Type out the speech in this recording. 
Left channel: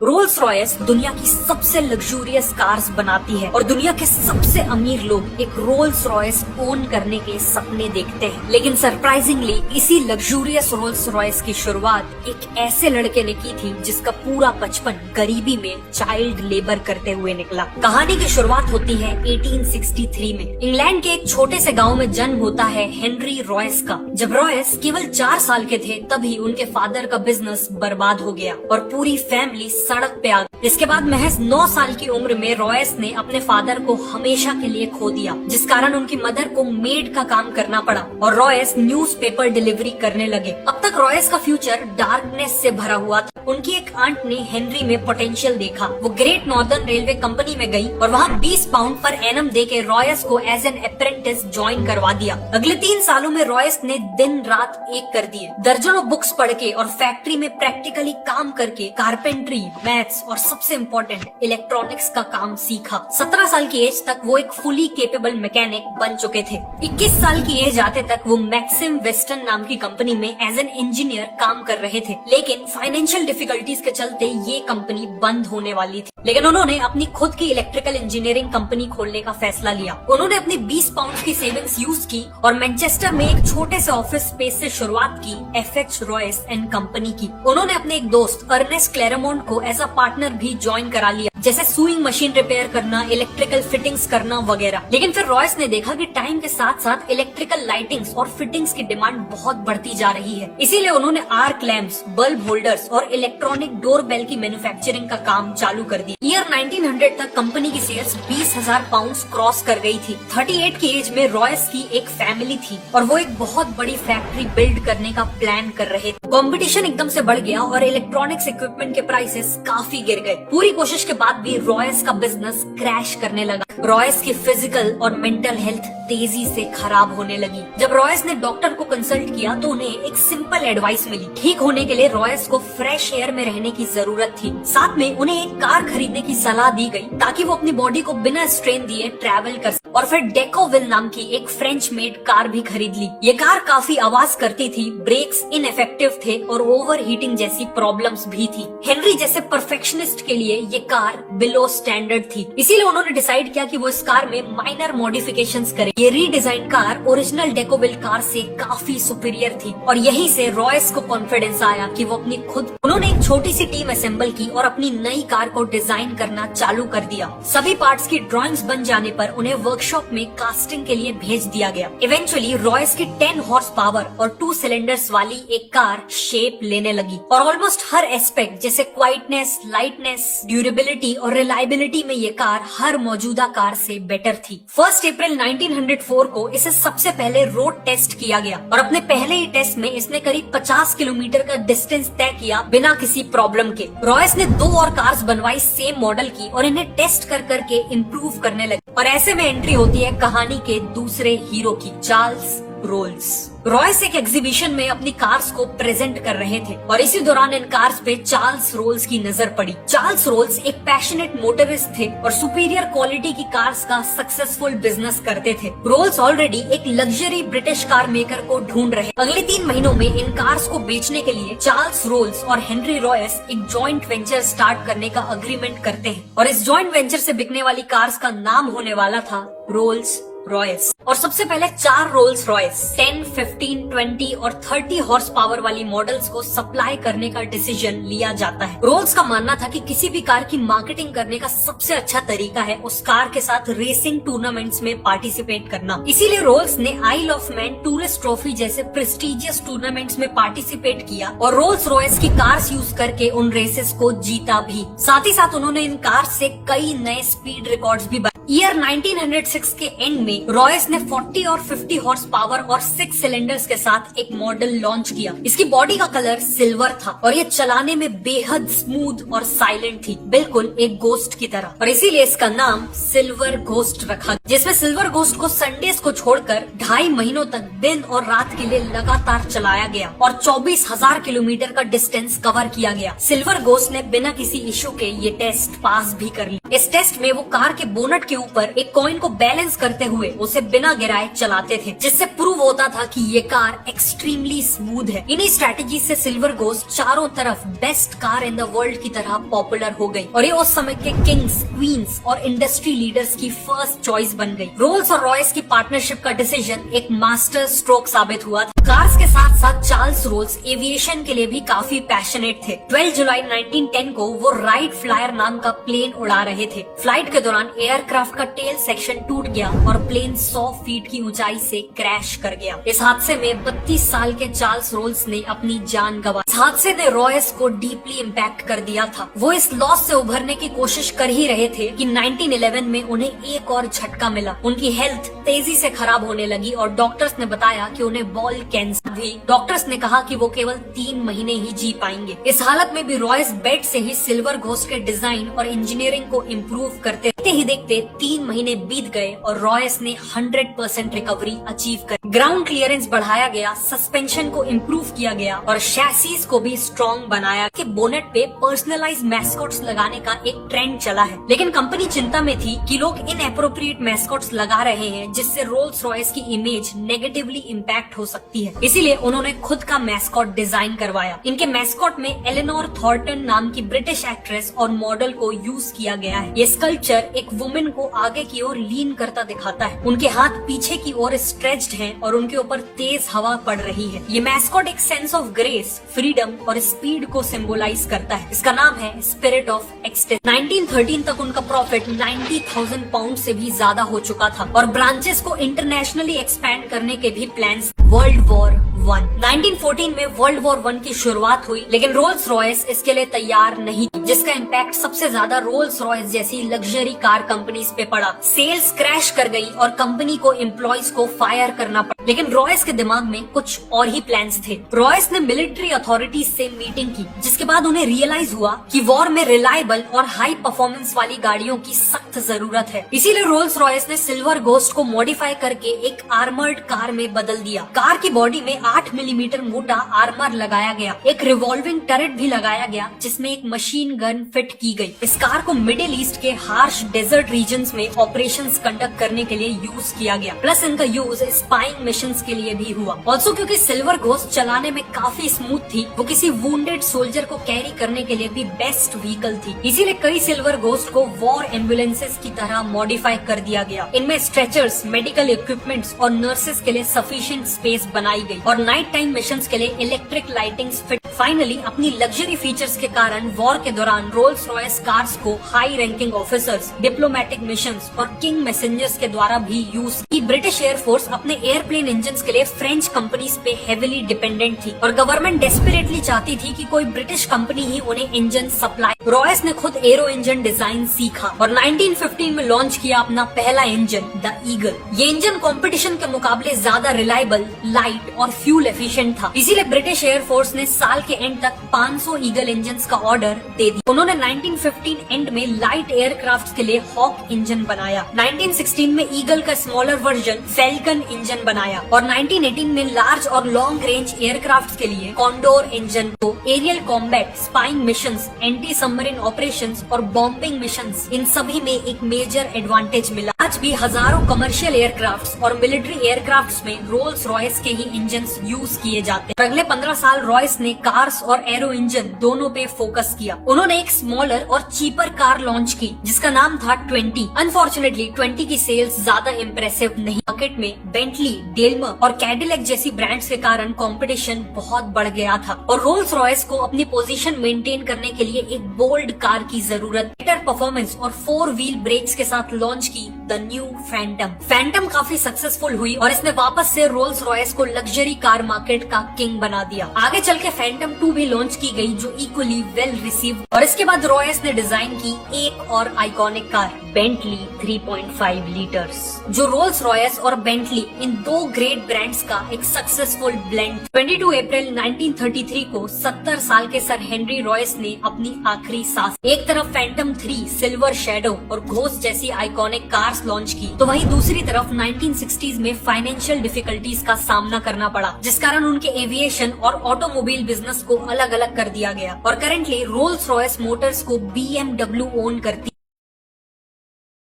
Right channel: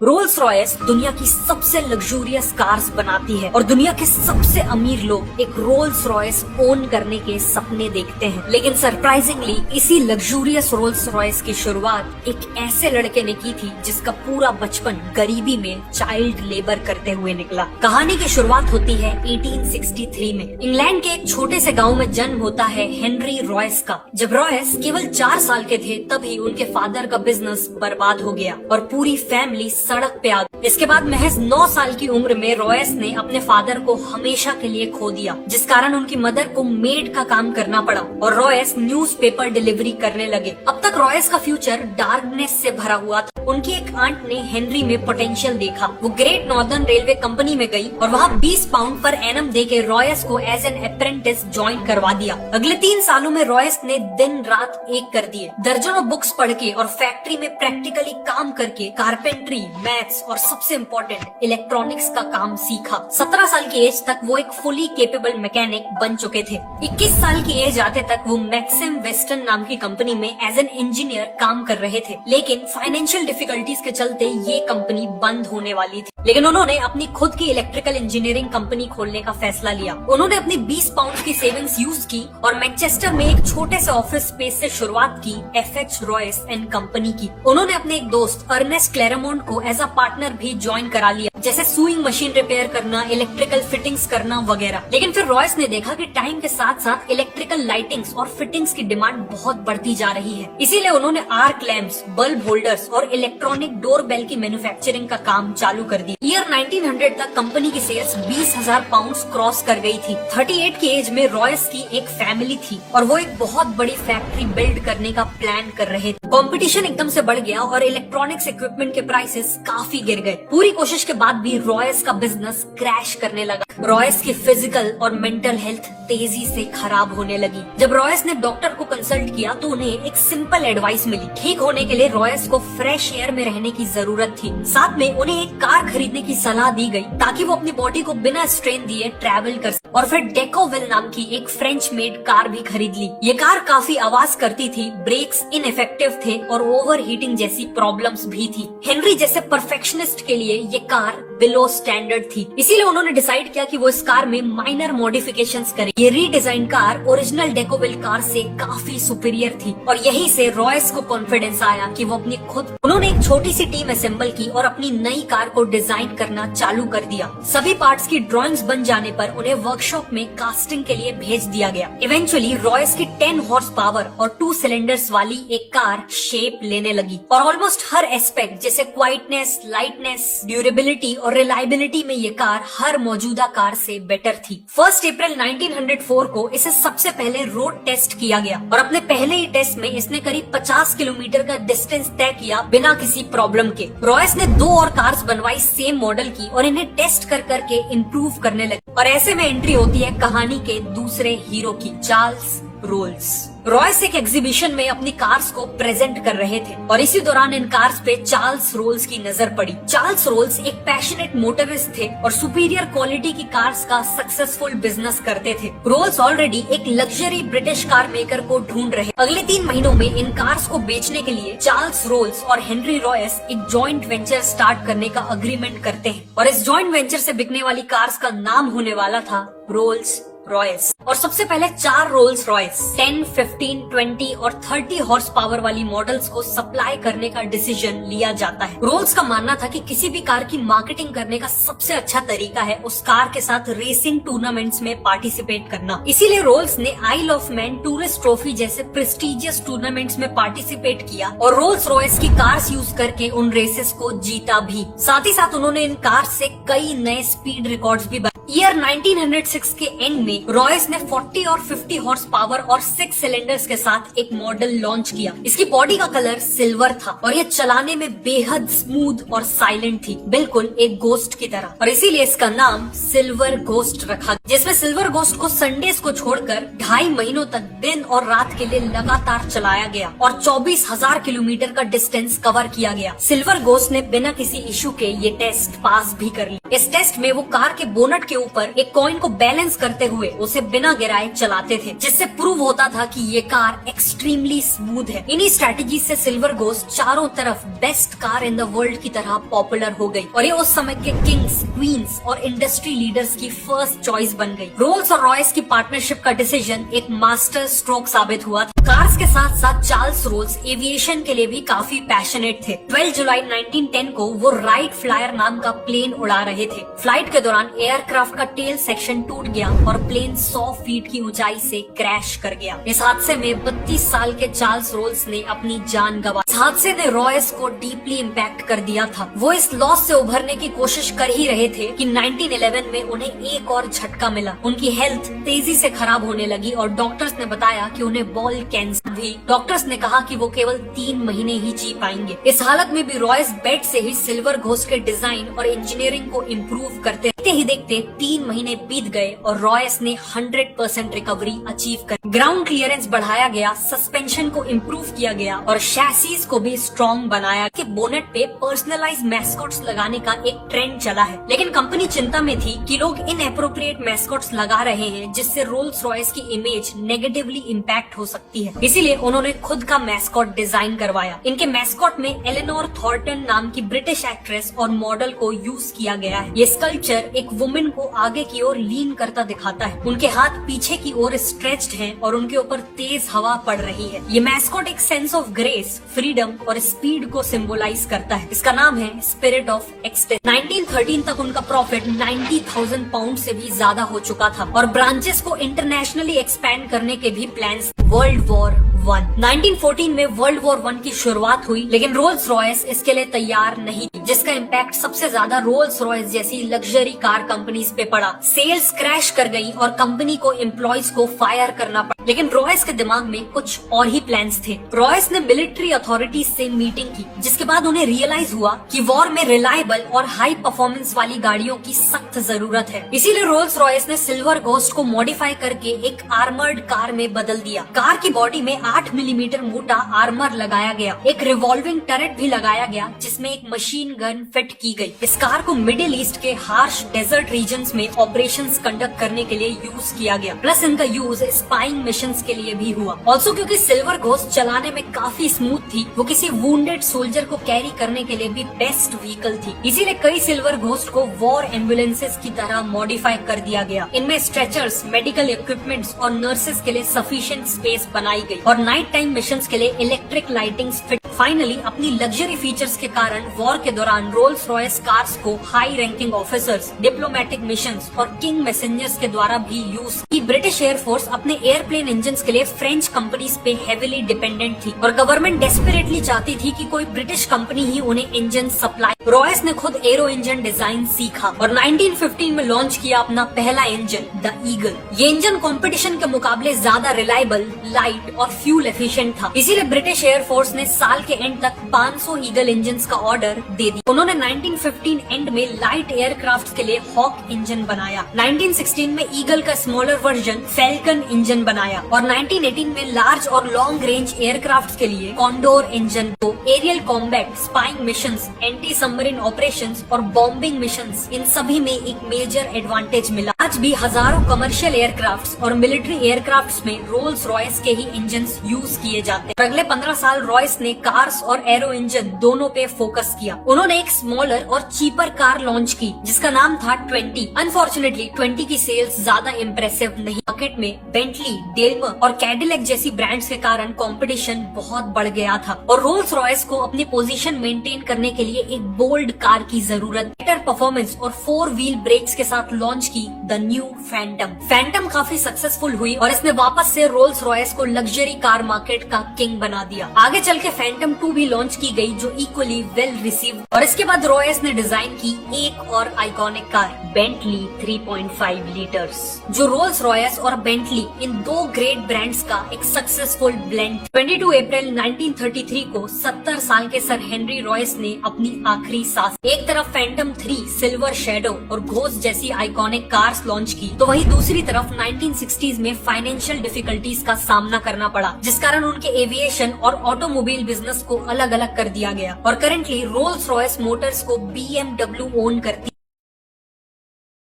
Rolls Royce दुनिया की सबसे लग्जूरियस कार्स बनाती है और दुनिया के सबसे अमीर लोग एक रोल्स रॉयस ओन करने के सपने देखते हैं। लेकिन सरप्राइजिंगली इसी लग्जूरियस रोल्स रॉयस की शुरुआत एक ऐसे लड़के ने की थी जिसका पूरा बचपन गरीबी में चाइल्ड लेबर करते हुए निकला। कहानी की शुरुआत होती है 1863 में। इंग्लैंड के एक छोटे से गाँव में जन्म होता है हेनरी रॉयस का। जब रॉयस केवल 4 साल के थे तभी उनके फादर का बिजनेस बर्बाद हो गया और पूरी फैमिली सड़क पे आ गई। इसके बाद महज 9 साल की उम्र में रॉयस ने अपने फादर को हमेशा के लिए खो दिया, जिस कारण उनकी मदर को मेड का काम करना पड़ा और रॉयस न्यूज़पेपर डिलीवरी करने लगे। अब तक रॉयस का फ्यूचर डार्कनेस से भरा हुआ था। उनकी एक आंट ने हेनरी में पोटेंशियल देखा। वो ग्रेट नॉर्दर्न रेलवे कंपनी में गई और वहाँ 20 पाउंड पर एनम देके रॉयस को एज एन अप्रेंटिस ज्वाइन करवा दिया। अगले 3 सालों में रॉयस ने दिन रात एक कर दिए। दर्जनों बुक्स पढ़ के और फैक्ट्री में प्रैक्टिकली काम करके कारपेंट्री, मैथ्स और सबसे इम्पोर्टेंट इलेक्ट्रॉनिक्स का काम सीखा। 17 साल की एज तक वो एक फुली केपेबल मैकेनिक बन चुके थे। 21 साल की एज आते तक वो मैक्सिम वेस्टर्न नाम की कंपनी में एज एन इंजीनियर काम कर रहे थे। लेकिन फाइनेंशियल डिफिकल्टीज के चलते ये कंपनी बंद होने वाली थी। लेकिन उन्होंने अपनी खुद की इलेक्ट्रिकल इंजीनियरिंग कंपनी खोलने का फैसला लिया। उन्होंने अपनी 20 पाउंड की सेविंग्स यूज की और मैनचेस्टर में एक छोटे से ऑफिस स्पेस से शुरुआत की एफएच रॉयस एंड कंपनी की। उन्होंने अपने एक दोस्त अर्नेस्ट क्लेरेमोंट को एज अ पार्टनर भी ज्वाइन करा लिया, जैसे सुइंग मशीन रिपेयर करना, इलेक्ट्रिकल फिटिंग्स करना वगैरह। लेकिन फिर रॉयस ने देखा कि टाइम के साथ साथ इलेक्ट्रिकल लाइटिंग्स और फिटिंग्स की डिमांड बहुत बढ़ती जा रही है। इसीलिए उन्होंने आर्क लैम्प्स, बल्ब होल्डर्स और इलेक्ट्रॉनिक डोर बेल की मैन्युफैक्चरिंग का काम चालू कर दिया। ईयर 1900 तक कंपनी की सेल्स 20,000 पाउंड क्रॉस कर गई थी। 38 की एज में रॉयस की एक फैमिली थी और वो एक बहुत बड़ी फैक्ट्री बिल्ड करने का प्लान कर रहे थे। कंपटीशन एकदम से बढ़ गया और इलेक्ट्रॉनिक्स इक्विपमेंट के प्राइसेस काफी गिर गए। पूरी कोशिश के बाद भी रॉयस का बिजनेस क्रैश करने लगा। रॉयस की फिजिकल और मेंटल हेल्थ तेजी से खराब होने लगी। जब रॉयस ने डॉक्टर को कंसल्ट किया तो उन्हें एक सिंपल एडवाइस मिली। ठीक होने के लिए रॉयस को फ्रेश एयर में रहने की जरूरत थी। साथ में उन्हें एक कार खरीदने की सलाह दी गई ताकि वो अपनी बॉडी को बिना स्ट्रेन दिए ट्रैवल कर सके। और फिर डेकोविल नाम की एक फ्रेंच मेड कार भी खरीद ली। ये कार काफी आवाज करती थी, ब्रेक्स इनइफेक्टिव थे और ओवर हीटिंग जैसी प्रॉब्लम्स भी थी। हेनरी जैसे परफेक्शनिस्ट के लिए ये कार बिलो स्टैंडर्ड थी, इसीलिए उन्होंने डिसाइड किया कि वो इस कार में माइनर मॉडिफिकेशंस करें। ये रीडिजाइन कार ओरिजिनल डेकोविल कार से काफी सुपीरियर थी और यहीं से रॉयस को कॉन्फिडेंस आया कि वो अपनी खुद उन्होंने एक छोटी सी टीम असेंबल की और अपनी नई कार को डिजाइन करना चालू कर दिया। सभी पार्ट्स की ड्राइंग्स बन जाने पर उन्हें वर्कशॉप में कास्टिंग के लिए भेज दिया गया। इवेंचुअली रॉयस की 10 हॉर्स पावर और 2 सिलेंडर्स वाली एक कार शेप लेने लगी और ऑलमोस्ट हर एस्पेक्ट जैसे क्वाइटनेस, लाइटनेस, ड्यूरेबिलिटी और रिलायबिलिटी में ये कार हर मौजूदा कार से बेटर थी। 1 अप्रैल 1904 को इसे सबसे पहले रोड टेस्ट किया गया और अपने पहले ही टेस्ट में इसने करीब 50 किलोमीटर का डिस्टेंस तय किया बिना किसी प्रॉब्लम के। रॉयस ने 2 और कार्स बनवाई सेम मॉडल की और इन्हें टेस्ट कर करके इम्प्रूव करने लगे। और ऐसे में एंट्री होती है कहानी के दूसरे हीरो की, चार्ल्स रोल्स। रॉयस एक एग्जीबिशन में अपनी कार्स को प्रेजेंट कर रहे थे और इसी दौरान इन कार्स पे चार्ल्स रोल्स की नजर पड़ी। चार्ल्स रोल्स एक पैशनेट मोटरिस्ट थे और सुपीरियर क्वालिटी की कार्स का सक्सेसफुल बिजनेस करते थे। रोल्स ऑलरेडी एक लग्जरी ब्रिटिश कार मेकर को ढूंढ रहे। अगले 3 महीनों में इन कार्स को बेचने के लिए चार्ल्स रोल्स और हेनरी रॉयस एक जॉइंट वेंचर स्टार्ट करने का अग्रीमेंट करते हैं और इस जॉइंट वेंचर से बिकने वाली कार्स का नाम होने वाला था रोल्स रॉयस। और सबसे पहले 4 रोल्स रॉयस 10, 15, 20 और 30 हॉर्स पावर वाली मॉडल्स को सप्लाई करने का डिसीजन लिया जाता है। रोल्स का मानना था कि किसी भी कार की मार्केटिंग करने का सबसे अच्छा तरीका है उस कार के साथ रेसिंग टूर्नामेंट्स में पार्टिसिपेट करना। इसीलिए रोल्स ने आइल ऑफ मैन टूरिस्ट ट्रॉफी जैसे प्रेस्टिजियस टूर्नामेंट्स में पार्टिसिपेट किया और रोल्स रॉयस की कार्स यूज करके उन रेसेस को जीता भी। साथ ही साथ उन्होंने इन कार्स से कई नए स्पीड रिकॉर्ड्स भी। ईयर 1906 के एंड में रॉयस ने 40 और 50 हॉर्स पावर और 6 सिलेंडर्स के साथ एक मॉडल लॉन्च किया। इसकी बॉडी का कलर सिल्वर था और ये चलाने में बेहद स्मूथ और साइलेंट थी, बिल्कुल एक गोस्ट की तरह। और इसीलिए इसका नाम सिल्वर घोस्ट रखा, जिसमें सिल्वर घोस्ट को संडेज को छोड़कर 2.5 महीनों तक दिन और रात के लिए लगातार चलाया गया और 24,000 किलोमीटर का डिस्टेंस कवर किया गया। सिल्वर घोस्ट ने बिना किसी इशू के ये टेस्ट पास भी कर लिया। इस टेस्ट में वो कार के बोनट के ऊपर एक कॉइन को बैलेंस करते हुए उसे बिना गिराए चलाते थे, जिससे प्रूव होता था कि ये कार एक्सट्रीमली स्मूथ है। इन्हीं स्ट्रेटेजी से सिल्वर घोस्ट चारों तरफ best car in the world की तरह पॉपुलर हो गई और ये उस समय के किंग्स, क्वींस और इंडस्ट्री लीडर्स की फर्स्ट चॉइस बन गई। रोल्स और रॉयस की पार्टनरशिप का डिसीजन एक मास्टर स्ट्रोक साबित हुआ था। कार्स के साथ साथ चार्ल्स रोल्स एविएशन के लिए भी काफी पैशनेट थे। 12 जुलाई 1910 को वो राइट फ्लायर नाम का प्लेन उड़ा रहे थे। फ्लाइट के दौरान एयरक्राफ्ट का टेल सेक्शन टूट गया और प्लेन 100 फीट की ऊंचाई से क्रैश कर गया। इस हादसे में 32 साल के चार्ल्स रोल्स ने अपनी जान गंवाई। इस हादसे ने रॉयस को डीपली इम्पैक्ट कर दिया था। वो इस लॉस से उभरने की कोशिश कर ही रहे थे कि 1911 में उन्हें एक और झटका मिला। उनकी हेल्थ तेजी से खराब होने लगी और डॉक्टर्स ने बताया कि उन्हें बॉल कैंसर भी। डॉक्टर्स ने कहा कि वो केवल 3 महीने ही जी पाएंगे। इस हालत में भी रॉयस बेड से ही सिल्वर घोस्ट के डिजाइन और इंजीनियरिंग को इम्प्रूव करते ही देखते 3 महीने बीत गए और रॉयस ने 100% रिकवरी अचीव कर ग्राउंड क्लियरेंस बढ़ाया गया, सस्पेंशन को इम्प्रूव किया गया और शैसीज को भी स्ट्रॉन्ग बनाया। कि बोनेट पे पर्सनलाइज मैस्कॉट्स लगाने का एक ट्रेंड चला है, लेकिन कंपनी चिंता में थी कि लोग इनएप्रोप्रिएट मैस्कॉट्स लगा रहे हैं, जिससे रोल्स रॉयस की इमेज नेगेटिवली इम्पैक्ट हो सकती है। इसीलिए उन्होंने खुद का मैस्कॉट डिजाइन करवाया। इनके मैस्कॉट में एलेनोर थॉर्टन नाम की ब्रिटिश एक्ट्रेस और मॉडल को यूज किया गया है। ये स्कल्पचर एक वुमेन को आगे की ओर लीन करता दिखाता है। उनके हाथ पीछे की ओर स्ट्रेच्ड हैं और उनके ऊपर तेज हवा पड़ रही है। ये मैस्कॉट एक सेंस ऑफ ग्रेस, फ्रीडम और स्पीड को सिंबलाइज करता है। इसका नाम है स्पिरिट ऑफ एक्सटेंस। 1913 तक उनका प्रॉफिट 90,000 पाउंड से भी ज्यादा हो चुका था और ब्रांचेस को इंटरनेशनली एक्सपैंड करने के भी प्लान्स। वर्ल्ड वॉर 1 1914 में वर्ल्ड वॉर 1 की शुरुआत हुई, लेकिन रोल्स रॉयस इसके लिए तैयार नहीं थी, जिसका इम्पैक्ट सबसे ज्यादा रोल्स रॉयस जैसी लग्जरी कार कंपनीज पे पड़ा। सेल्स क्रैश कर गई और कंपनी को एम्प्लॉयज को फायर करना पड़ा। लेकिन रॉयस के दिमाग में कुछ और ही प्लान्स थे। रॉयस ने मिलिट्री अथॉरिटीज से मीटिंग की, जिसके बाद उन्हें रियलाइज हुआ कि वॉर में रिलायबल और हाई परफॉर्मेंस वाली गाड़ियों की सख्त जरूरत है। इसीलिए रोल्स रॉयस ने सिल्वर घोस्ट को मॉडिफाई करके एक आर्मर्ड कार में बदल दिया। कार की बॉडी में 8 मिलीमीटर मोटा आर्मर लगाया गया। एक रिवॉल्विंग टर्रेट भी लगाया गया, जिसमें एक मशीन गन फिट की गई। इस कार को मिडिल ईस्ट के हार्श डेजर्ट रीजन्स में ऑपरेशंस कंडक्ट करने के लिए यूज किया गया। प्लस इनका यूज स्पाइंग मिशंस के लिए भी हुआ। ऑल्सो क्योंकि सिल्वर घोस्ट चलाने में काफी स्मूथ थी, वो किसी वुंडेड सोल्जर को कैरी करने के लिए भी बेस्ट व्हीकल थी। इसीलिए कई सिल्वर घोस्ट को वॉर एम्बुलेंसेस की तरह मॉडिफाई कर दिया गया। इनमें स्ट्रेचर्स, मेडिकल इक्विपमेंट्स और नर्सेस के लिए सफिशिएंट स्पेस बनाई गई और नाइट टाइम मिशंस के लिए इलेक्ट्रिक लाइटिंग फिट। फाइनली अपनी लग्जरी फीचर्स के कारण वॉर के दौरान रोल्स रॉयस कार्स को high ranking officers, diplomatic missions और किंग मैसेंजर्स के द्वारा भी यूज की। ब्रिटिश एयरफोर्स अपने एयरप्लेन इंजन्स के लिए फ्रेंच कंपनीज पे हेविली डिपेंडेंट थी और गवर्नमेंट डेस्परेटली चाहती थी कि कोई ब्रिटिश कंपनी ही उन्हें इंजन सप्लाई। रॉयस ने खुद एरो इंजन डिजाइन सीखा और 1915 में लॉन्च किया अपना पहला इंजन, द ईगल। ये इंजन कंपटीशन के मुकाबले ज्यादा रिलायबल, लाइट और फ्यूल एफिशिएंट था। इसीलिए ब्रिटिश एयरफोर्स ने साल के एंड तक 500 ईगल इंजन्स का ऑर्डर दे दिया। उन्होंने 1915 एंड में लाइट एयरक्राफ्ट के लिए हॉक इंजन बनाया। 1916 में ईगल का स्मॉलर वर्जन फैल्कन इंजन बनाया और 1918 में लार्ज और लॉन्ग रेंज एयरक्राफ्ट के लिए कॉन्डोर इंजन को aerial combat, spying missions, anti submarine operations और बॉम्बिंग मिशंस, इन सभी में एक मेजर एडवांटेज मिला। आज भी हजारों कमर्शियल एयरक्राफ्ट्स और मिलिट्री एयरक्राफ्ट्स में रोल्स रॉयस के ही इंजन्स यूज किए जाते हैं। अगले 15 साल रॉयस ने कार्स और एरो इंजन दोनों पे फोकस किया। उन्होंने एक स्मॉलर और चीपर कार लॉन्च की, जिसका नाम था 20। अनफॉर्चुनेटली 20 की सेल्स ज्यादा इम्प्रेसिव नहीं। मार्केट में बेंटली, डेलमर और कैडिलैक जैसी ब्रांड्स के कारण कंपटीशन बहुत बढ़ गया था और रोल्स रॉयस को अपनी पोजीशन मेंटेन करने के लिए एक बोल्ड कार की जरूरत। बेटर परफॉर्मेंस और 4 व्हील ब्रेक्स के साथ लॉन्च की द न्यू फैंटम। फैंटम काफी सक्सेसफुल हुई और इसने वापस से रोल्स रॉयस को लग्जरी कार मार्केट का किंग बना दिया। आगे चल के फैंटम 2 भी लॉन्च की गई, जो इक्वली वेल रिसीव। और इसके बाद रॉयस ने डिजाइन की एक और आइकॉनिक कार, बेंटली 3.5 लीटर्स, जो रोल्स रॉयस और बेंटली इन 2 ग्रेट ब्रांड्स का एक सक्सेसफुल ब्लेंड। 22 अप्रैल 1933 को 70 साल के सर हेनरी रॉयस ने अपनी आखिरी सांस। एक तरफ फैंटम 3, सिल्वर शैडो और घोस्ट जैसी आइकॉनिक कार्स लॉन्च की, तो वहीं दूसरी तरफ 1960s में फाइनेंशियल डिफिकल्टीज का सामना करना पड़ा, जिस कारण उनके एविएशन और ऑटोमोबाइल बिजनेस को अलग अलग कर दिया गया और करेंटली रोल्स रॉयस मोटर्स को BMW ओन करती